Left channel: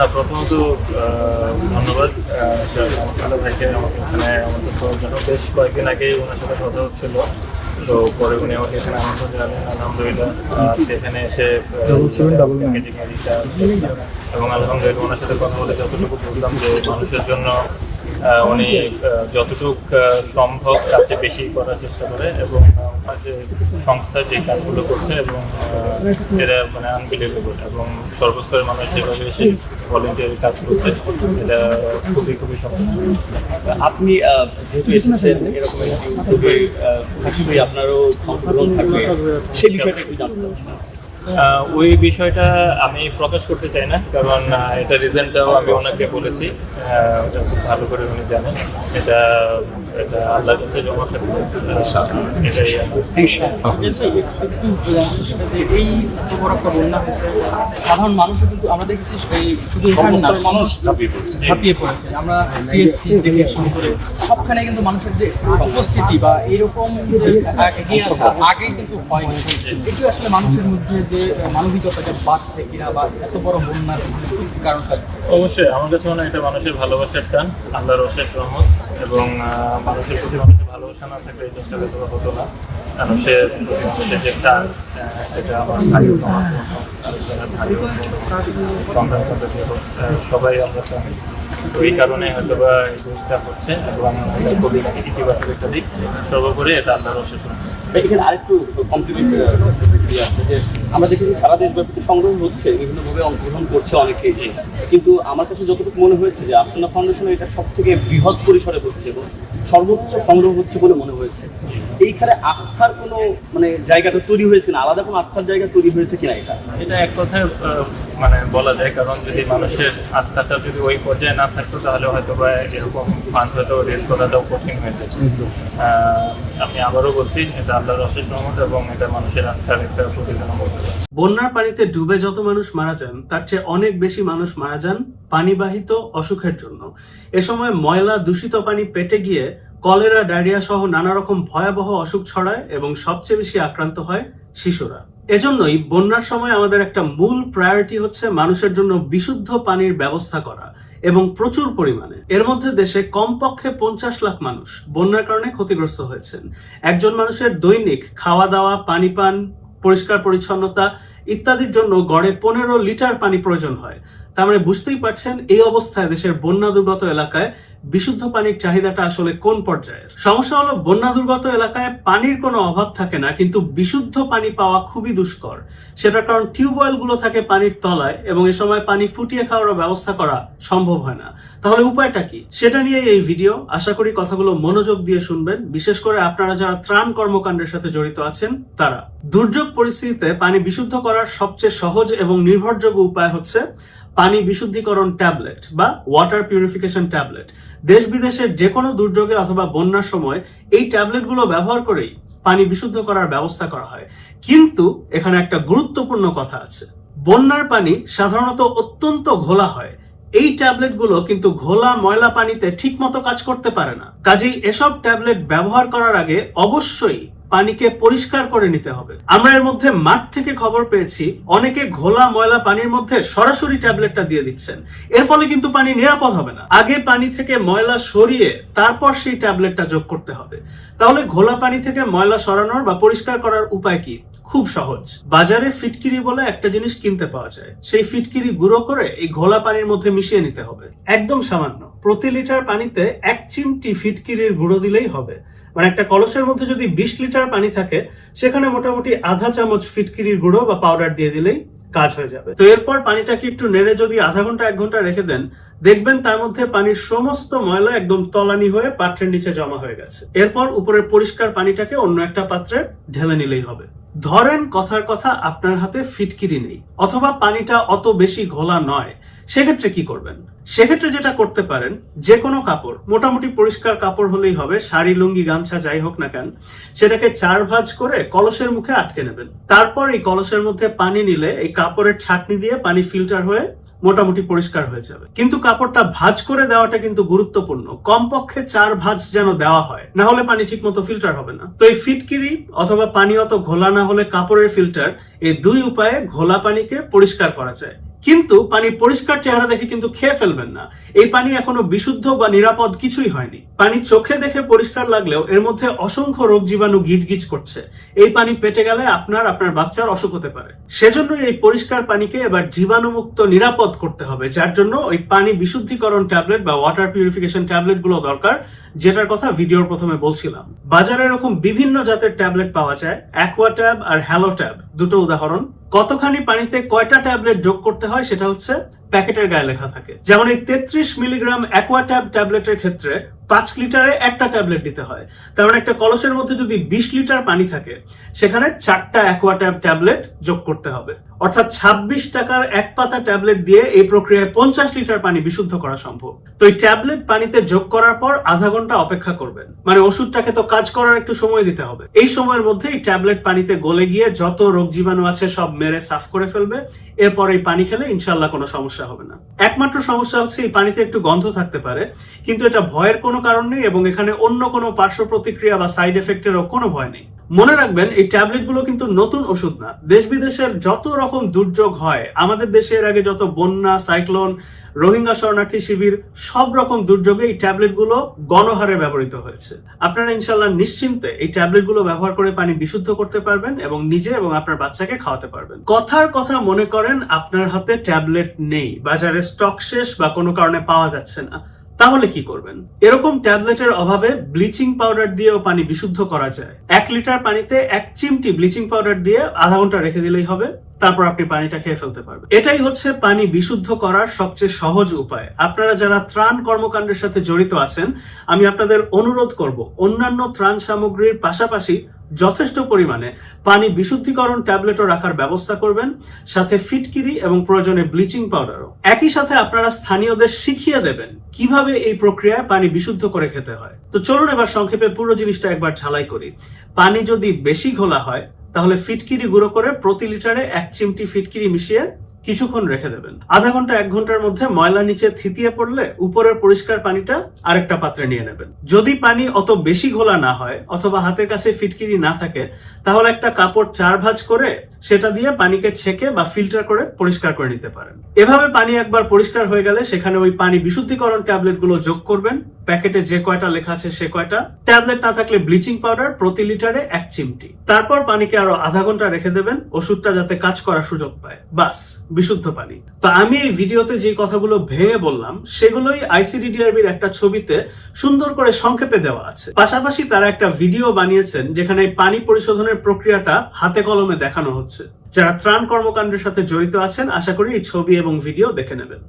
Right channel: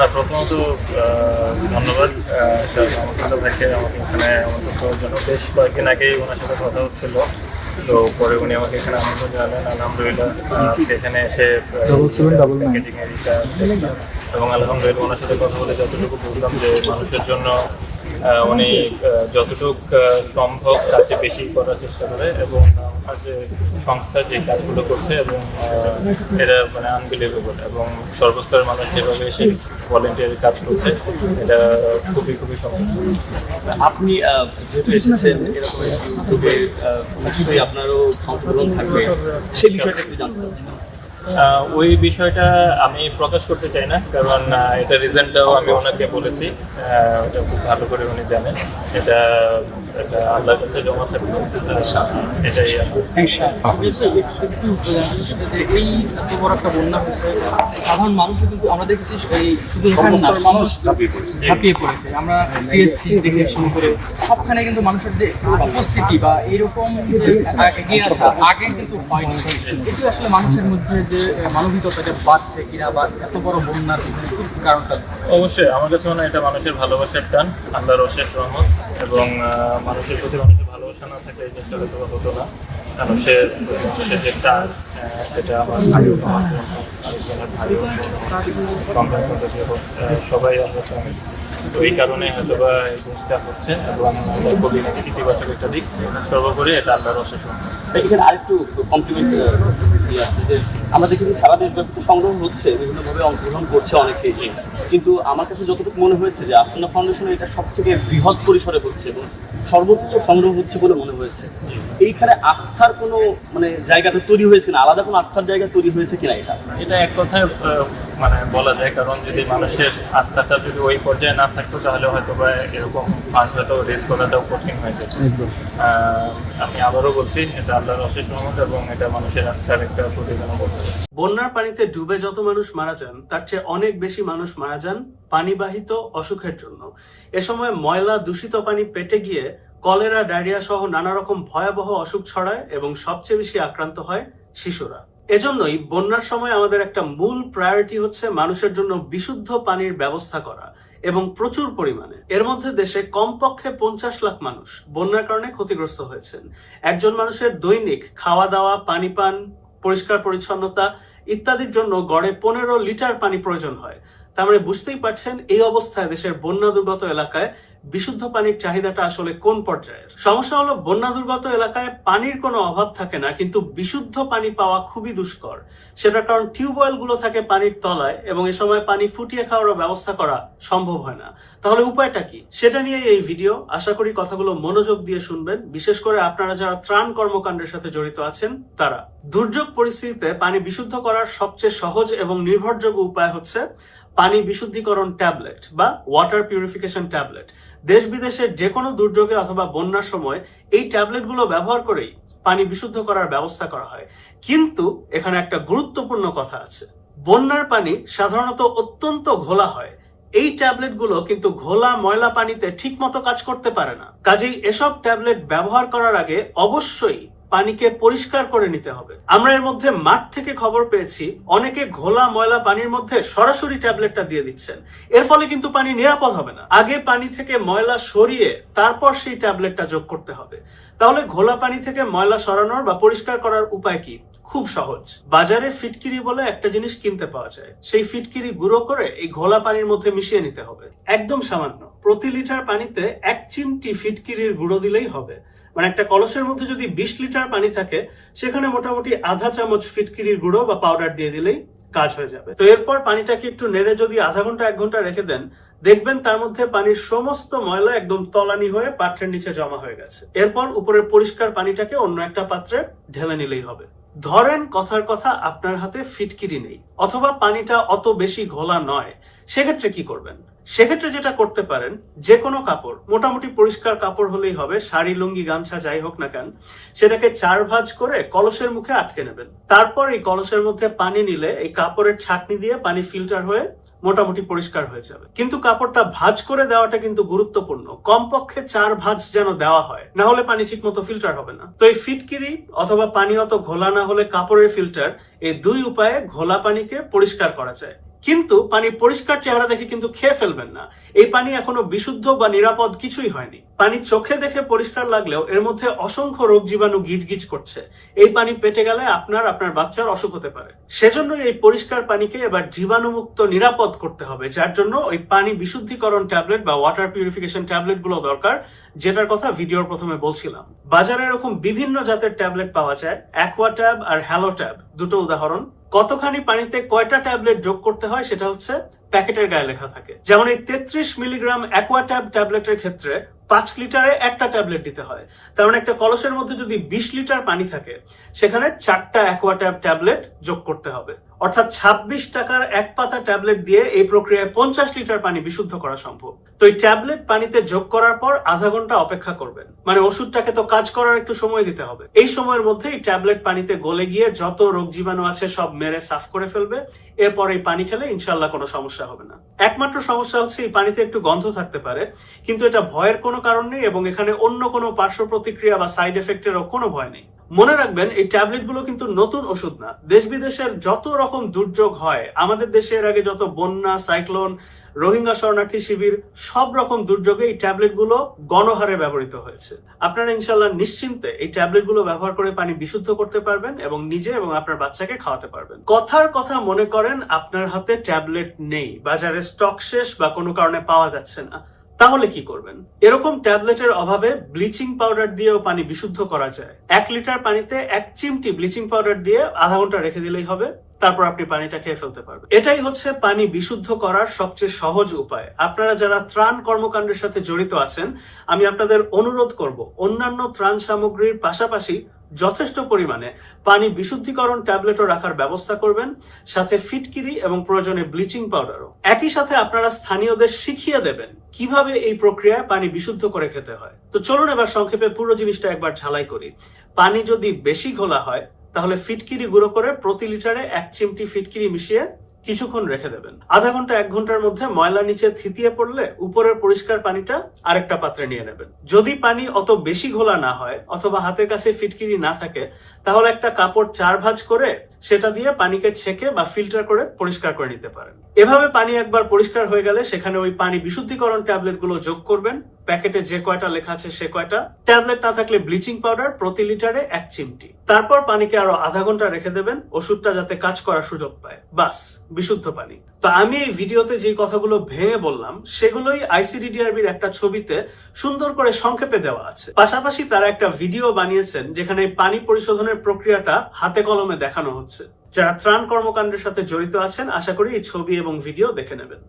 প্রথমত ধন্যবাদ। আহ, ভাইকে আমাকে এখানে আমন্ত্রণ করার জন্য। বেশ কয়েকদিন আগেই ওনার সাথে কথা হচ্ছিল। তো পরে উনি আমাকে এখানে আমন্ত্রণ জানালেন। আলহামদুলিল্লাহ সেখানে এসে এবং আলহামদুলিল্লাহ ওনার সাথে কথা বলে যতটুকু বুঝলাম যে মানুষের জন্য উনি যতটুকু সম্ভব চেয়ে বেশি করার চেষ্টা করে এবং যে সংস্থা যে কাজগুলো করছে এবং এটা মানে আনবিলিভেবল এবং সর্বস্তরের মানুষ যেভাবে এসে ভলেন্টিয়ারি কাজ করছে, এটা খুবই খুবই সন্তোষজনক আপনি যেহেতু এসেছেন, এরকম নিশ্চয়ই আপনারও অংশগ্রহণ থাকবে। সেই বিষয়টা একটু জানতে চাচ্ছিলাম। ওই বিষয়টা আমি প্রকাশ করতে চাই না কারণ এটা রিজনটাও আমি ওনাকে বলেছি। ওটা খুব ভালো করে উনি জানেন। এটা এটা আল্লাহর কাছে জমা থাকবে। আহ, এটাই আমার। একটু সেটা যে এই এত বড় একটা বন্যা হয়েছে সাধারণ মানুষও কিন্তু আমরা দেখেছি এই শুধু মানুষ ঝাঁপিয়ে পড়েছে। আমরা টিএসসি থেকে শুরু করে সবখানে কিন্তু মানুষের যে উপস্থিতি বা এরকম যে আগে কিন্তু হয়নি। এটি আসলে মানুষের মধ্যে যে মানবিকতাটা বাড়ছে কিনা বা এত বড় বন্যার কারণটা অবশ্যই আমার কাছে মনে হয় এটা মানুষের ভালোবাসার টান আল্লাহর অশেষ রহমত এবং মানুষের প্রতি মানুষের ভালোবাসা না থাকলে এই জিনিসটা হয়তো হতো না। মানুষের মানুষের যে টান সেটা আমার ভাইও আরেকজনের ভাইও সন্তান সন্ততি সবাই আমরা চাই তো এই কারণে হয়তো বা এই জিনিসটা হচ্ছে এবং এটা খুবই ইতিবাচক একটা দিক। সর্বোপরি এটা আল্লাহর অশেষ রহমত। এখানে আরেকটু কমপ্লিমেন্ট ইয়ে আছে যে আমরা দেখেছি সারা দেশব্যাপী তো সংগ্রহ হচ্ছে বিভিন্নভাবে অংশগ্রহণ করছে অনেকে কিন্তু আমার কাছে যতটুকু মনে হয়েছে যে আফসানা ফাউন্ডেশন এটা সব থেকে বৃহৎ পরিসরে হচ্ছে এবং সর্বোচ্চ সংগ্রহ হচ্ছে বলে মনে হয়েছে। এইখানে আস্থার কোনো মানে জায়গাটা তৈরি হয়েছে না আলাদা কোনো আস্থার জায়গা তৈরি হয়েছে কিনা এটা? এটা এক কথায় মানে বলা যায় কারণ যদি মানুষের আস্থাটা যদি ওই পর্যায়ে না থাকতো তাহলে হয়তো বা এরকম ফান্ড হয়তো রেস করাটাও কঠিন হয়ে যেত। আমি আবারও বলছি এটা আল্লাহর অশেষ রহমত এবং এটা মানুষের আস্থার বন্যার পানিতে ডুবে যত মানুষ মারা যান, তার চেয়ে অনেক বেশি মানুষ মারা যান পানিবাহিত অসুখের জন্য। এ সময় ময়লা দূষিত পানি পেটে গিয়ে কলেরা, ডায়রিয়া সহ নানা রকম ভয়াবহ অসুখ ছড়ায় এবং সবচেয়ে বেশি আক্রান্ত হয় শিশুরা। এজন্যই বন্যার সময় আমাদের একটা মূল প্রায়োরিটি হচ্ছে মানুষের জন্য বিশুদ্ধ পানির ব্যবস্থা করা এবং প্রচুর পরিমাণে। এর মধ্যে দেশে কমপক্ষে পঞ্চাশ লাখ মানুষ বন্যার কারণে ক্ষতিগ্রস্ত হয়েছেন। একজন মানুষের দৈনিক খাওয়া দাওয়া, পানি পান পরিষ্কার পরিচ্ছন্নতা ইত্যাদির জন্য গড়ে পনেরো লিটার পানি প্রয়োজন হয়। তার মানে বুঝতেই পারছেন, এই অবস্থায় দেশের বন্যা দুর্গত এলাকায় বিশুদ্ধ পানির চাহিদাটা আসলে কোন পর্যায়ের? সমস্যা হলো বন্যা দুর্গত এলাকায় পানির কোনো অভাব থাকে না, কিন্তু বিশুদ্ধ পানি পাওয়া খুবই দুষ্কর। সেটার কারণ টিউবওয়েলগুলো থাকে পানির তলায়, এবং এ সময় পানি ফুটিয়ে খাওয়ার ব্যবস্থা করা সম্ভব হয় না। তাহলে উপায়টা কি? সেটা নিয়ে এই ভিডিও। আশা করি কথাগুলো মনোযোগ দিয়ে শুনবেন। বিশেষ করে আপনারা যারা ত্রাণ কর্মকাণ্ডের সাথে জড়িত আছেন, তারা। দুর্যোগ পরিস্থিতিতে পানি বিশুদ্ধ করার সবচেয়ে সহজ এবং নির্ভরযোগ্য উপায় হচ্ছে পানি বিশুদ্ধিকরণ ট্যাবলেট বা ওয়াটার পিউরিফিকেশন ট্যাবলেট। দেশ বিদেশের যে কোনো দুর্যোগে অথবা বন্যার সময় এই ট্যাবলেটগুলো ব্যবহার করেই পানি বিশুদ্ধ করার ব্যবস্থা করা হয়। কিন্তু এখানে একটা গুরুত্বপূর্ণ কথা আছে। বন্যার পানি সাধারণত অত্যন্ত ঘোলা হয়। এই ট্যাবলেটগুলো কিন্তু ঘোলা ময়লা পানিতে ঠিকমতো কাজ করতে পারে না। কাজেই এসব ট্যাবলেট ব্যবহার করার আগে অবশ্যই পানিকে পরিষ্কার করে নিতে হবে। আমরা এর মধ্যে মাঠ থেকে খবর পেয়েছি, অনেকে ঘোলা ময়লা পানির মধ্যে সরাসরি ট্যাবলেটটা দিয়ে দিচ্ছেন। এর ফলে কিন্তু পানি নিরাপদ হবে না। আগে পানি থেকে ময়লা সরিয়ে তারপর সেই ট্যাবলেটটা যোগ করতে হবে। তাহলে ঘোলা পানি থেকে ময়লা সরানোর বা পরিষ্কার করার উপায় কি? খুব সহজ। বাজারে ফিটকিরি বলে একটা জিনিস কিনতে পাওয়া যায়। সেই ফিটকিরি গুঁড়ো করে এই ঘোলা পানির মধ্যে মিশিয়ে নিতে হবে। একদম সামান্য। প্রতি লিটার পানিতে এক চিমটি ফিটকিরির গুঁড়ো দিলেই হবে। মানে একটা কলসের মধ্যে যদি বিশ লিটার পানি থাকে, সেখানে মোটামুটি আধা চামচ ফিটকিরির গুঁড়ো বা পাউডার দিয়ে দিলেই কাজ হয়ে যাবে। তো এরপর পানিটাকে একটু নেড়ে যদি আধা ঘণ্টা, এক ঘণ্টা রেখে দেন, দেখবেন তার মধ্যে পানির সমস্ত ময়লা একদম তলানি হয়ে পাত্রের নিচে জমা হয়ে গেছে। এরপর উপরের পরিষ্কার পানিটাকে অন্য একটা পাত্রে ঢেলে নিলেই হবে। ধরেন কথার কথা, আপনার হাতে ফিটকিরি নেই, অথবা পানিটা অত বেশি ঘোলা নয়। সেক্ষেত্রে কি করবেন? সেক্ষেত্রে যেটা করতে পারেন যে কোনো কাপড়, মোটামুটি পরিষ্কার কাপড় হলেই হবে, শাড়ি, লুঙ্গি, গামছা, যাই হোক না কেন, সেটাকে চার ভাঁজ করে কলসের মুখে আটকে নেবেন। তারপর এই কলসের মধ্যে পানি নিলে এই কাপড়ের ছাকনি দিয়ে পানি ফিল্টার হয়ে মোটামুটি পরিষ্কার হয়ে যাবে। কিন্তু কাপড়টা ভাজ করে দেওয়াটা কিন্তু গুরুত্বপূর্ণ। কমপক্ষে চার ভাজ যেন দেওয়া হয়, না হলে পানি ঠিক মতো ফিল্টার হবে না। তো এই ফিটকিরি অথবা পানি অত ঘোলা না হলে কাপড়ের ফিল্টার এই দুই উপায়ে ঘোলা পানিকে পরিষ্কার করা যায়। কিন্তু পানি পরিষ্কার চেহারা দেখে কিন্তু খেয়ে ফেলবেন না। এই পানি এখনও বিশুদ্ধ বা নিরাপদ কিছুই হয়নি। পানি চোখে দেখে পরিষ্কার লাগলেও এর মধ্যে অসংখ্য রোগ জীবাণু গিজগিজ করছে। এই পানি পেটে গেলে আপনার আপনার বাচ্চার অসুখ হতে পারে। সেজন্যই এই পরিষ্কার পানিকে এবার জীবাণুমুক্ত, নিরাপদ করতে হবে, যার জন্য ওই পানি বিশুদ্ধিকরণ ট্যাবলেট বা ওয়াটার পিউরিফিকেশন ট্যাবলেটগুলো দরকার, যেটার কথা ভিডিওর প্রথমে বলছিলাম। বাজারে এরকম বিভিন্ন জাতের ট্যাবলেট পাওয়া যায় অ্যাকোয়া ট্যাব আর হ্যালো ট্যাব দুটো উদাহরণ। কতখানি পানিতে কয়টা ট্যাবলেট যোগ করতে হয় সেটা হচ্ছে প্যাকেটের গায়ে লেখা থাকে। যেমন এই তেত্রিশ মিলিগ্রাম অ্যাকোয়া ট্যাব ট্যাবলেটের ক্ষেত্রে পাঁচ লিটারে একটা ট্যাবলেট দিতে হয়। তার মানে একটা কলসের মধ্যে যদি বিশ লিটার পানি থাকে, সেখানে চারটা অ্যাকোয়া ট্যাব ট্যাবলেট যোগ করতে হবে। অর্থাৎ ছাব্বিশ টাকার এক পাতা ট্যাবলেট দিয়ে এই প্রক্রিয়ায় পঞ্চাশ লিটার পানি বিশুদ্ধ করা সম্ভব। তো এই ট্যাবলেট পানিতে যোগ করার পর আধা ঘণ্টা অপেক্ষা করবেন। মানে ওষুধটাকে তো কাজ করার একটু সময় দিতে হবে। এই সময়ের মধ্যে এই ট্যাবলেট পানিতে গলে গিয়ে যত রোগ জীবাণু আছে সব মেরে সাফ করে ফেলবে। এরপর এই পানি খেলে ইনশাল্লাহ কোনো সমস্যা হবে না। একমাত্র সমস্যা হচ্ছে এই পানিতে একটু গন্ধ থাকতে পারে, কিন্তু এটা ভয়ের কোনো কারণ নেই এবং এখানে অন্য কোনো পার্শ্ব প্রতিক্রিয়া বা সাইড এফেক্টেরও কোনো ভয় নেই। মনে রাখবেন, এই ট্যাবলেটগুলো কিন্তু নতুন ওষুধ না। দেশ বিদেশের যত রকম দুর্যোগ হয়, আমাদের দেশে এর আগে যত বন্যা, সাইক্লোন রোহিঙ্গা শরণার্থী শিবির সব রকম দুর্যোগে এই ট্যাবলেটগুলো গণহারে ব্যবহৃত হয়েছে। আপনারা ইনশাল্লাহ নিশ্চিন্তে এই ট্যাবলেটগুলো ব্যবহার করে পানি বিশুদ্ধ করতে পারবেন এবং নিজে এবং আপনার বাচ্চাকে খাওয়াতে পারবেন। কথার কথা মনে করেন, আপনার হাতে ট্যাবলেট নেই, বাজারে স্টক শেষ বা কোনো কারণে পাওয়া যাচ্ছে না। তাহলে কি করবেন? এরকম ট্যাবলেটের অভাবে ব্লিচিং পাউডার দিয়েও পানি বিশুদ্ধ করা যায়। এক লিটার পানিতে এক চিমটি ব্লিচিং পাউডার দিয়ে আধা ঘণ্টা রেখে দিলেই হবে, তারপর আপনি পানিটা খেয়ে ফেলতে পারবেন। এটাই হচ্ছে পানি বিশুদ্ধ করার সবচেয়ে সহজ উপায়। আপনারা যারা ত্রাণ কর্মকাণ্ডের সাথে জড়িত আছেন, আমি আপনাদের অনুরোধ করব, অন্যান্য ত্রাণ সামগ্রীর পাশাপাশি যথেষ্ট পরিমাণে পানি বিশুদ্ধিকরণ ট্যাবলেটও রাখার ব্যবস্থা করবেন, সাথে ফিটকিরি এবং প্রয়োজনে ব্লিচিং পাউডারও। একই সাথে আপনারা স্থানীয়দের শিখিয়ে দেবেন কীভাবে এই প্রক্রিয়ায় পানি বিশুদ্ধ করে খেতে হয়। তো চলুন এবার সংক্ষেপে পুরো জিনিসটা একবার ঝালাই করি। পানি যদি বেশি ঘোলা হয়, তাহলে ফিটকিরি গুঁড়ো করে প্রতি লিটারে এক চিমটি ফিটকিরি মিশিয়ে কিছুক্ষণ রেখে দেবেন। আধা ঘণ্টা, এক ঘণ্টার মধ্যে ময়লা নিচে থিতিয়ে পড়লে উপরের পরিষ্কার পানিটা আরেকটা পাত্রে নিয়ে নেবেন। যদি পানি অত বেশি ঘোলা না হয় অথবা হাতের কাছে ফিটকিরি না থাকে, তাহলে একটা কাপড় চার ভাঁজ করে সেটা দিয়ে পানিকে ছেঁকে বা ফিল্টার করে পরিষ্কার করে নিতে পারেন। এভাবে পানি একবার পরিষ্কার হয়ে গেলে সেখানে ওই পানি বিশুদ্ধিকরণ ট্যাবলেটগুলো যোগ করবেন। প্যাকেটে যে কয়টা লেখা আছে সে কয়টা। ট্যাবলেট না থাকলে ব্লিচিং পাউডার প্রতি লিটারে এক চিমটি। তারপর পানিকে আরও আধা ঘণ্টা রেখে দেবেন। ওষুধটা যাতে কাজ করার সুযোগ পায়। বাস বিশুদ্ধ পানি। তো আমি এই ভিডিওতে যে কথাগুলো ভেঙে বললাম, সেগুলোই আইসিডিডিআরবির একটা ছবিতে সুন্দর করে সংক্ষেপে দেওয়া আছে। পাশাপাশি তারা একটা ভিডিও বানিয়েছেন, যেখানে পানি পরিশোধনের প্রক্রিয়াটা হাতে কলমে দেখানো হচ্ছে। যারা ত্রাণ কর্মকাণ্ডের সাথে জড়িত আছেন, আশা করি এই ছবি এবং ভিডিও দেখে নেবেন।